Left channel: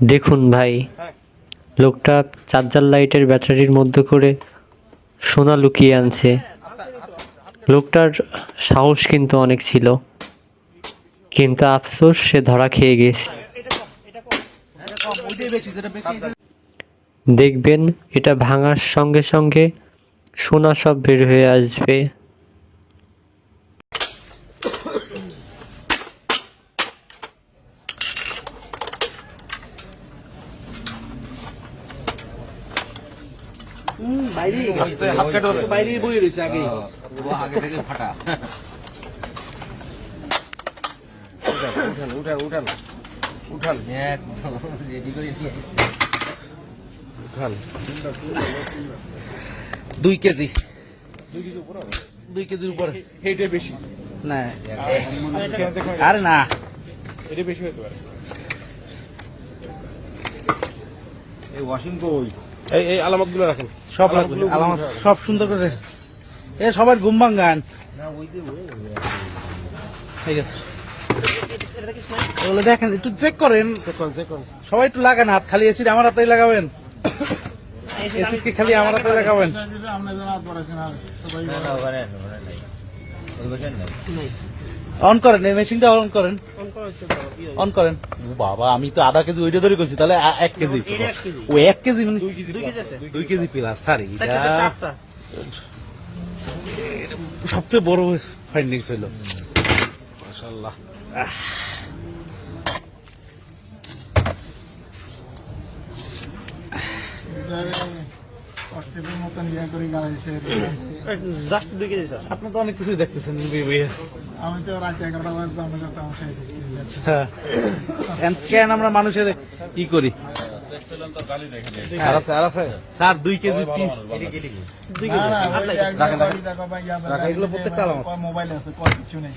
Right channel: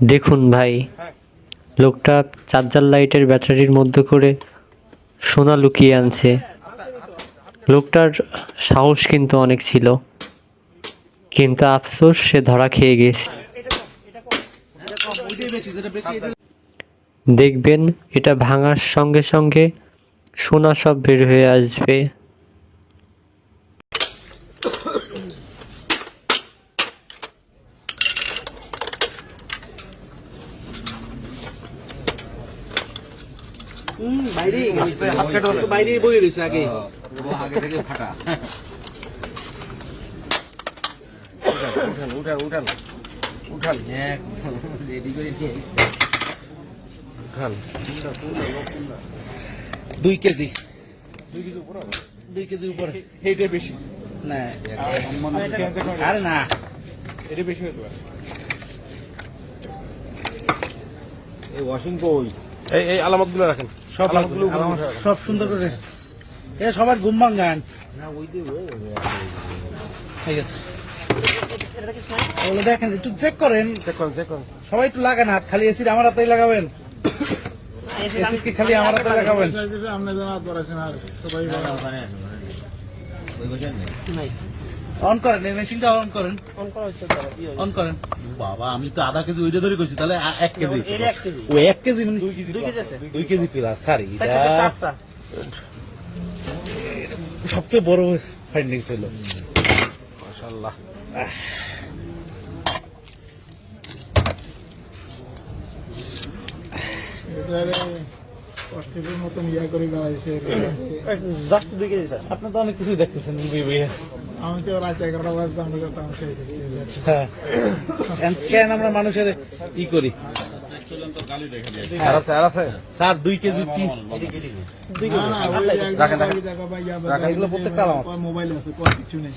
দেখুন ভাই, লোকটা চার্জার লাইটের ব্যাটারির মধ্যে করে সোনা লুকিয়ে আনছে। লোকটার সাহস কিন্তু অনেক ছিল, কিন্তু আফসোস সে ধরা খেয়ে গেছে। দেখবেন এটা ভাঙার সঙ্গে সঙ্গে সোনা সব বের হয়ে আসবে। বাইরে বই রয়েছে আগে ফাটা। উঠান উঠান উঠান উঠান উঠান 2 কেজি 2 কেজির উপরে। এইটা বেশি না আরে না, এটা বেশি হতে পারে। এই ওয়াশিং কই? এই আলামত গুলো রাখেন, সব আলামতগুলো সব সুন্দর করে এ সবার ঘুম ভাঙান। ঠিক আছে, ওগুলো দেখেন, একটু চেক করেন। সবাই একটু লাগান হাত, খালি এসিড আমার হাতেই লাগাবেন। এসিড কি খালি আমার হাতে লাগাবেন? অন করেন, এই মেশিনটা অন করেন, অন করেন। বাবা, আমি তো আধা কেজি ওইটা ধরে কইছি, তাহলে 1 কেজি। ও 1 কেজি 2 কেজি প্লাস। স্যার, সবচেয়ে বড় ফাইন্ডিং ছিল। মাশাআল্লাহ। আপনি তো অনেক কিছু দেখতেছেন। আমি তো রাত 11টা বাজে কেন আমরা মানুষের কি করি? স্যার 2 কেজি কি মোবাইল আছে, কিছু নেই।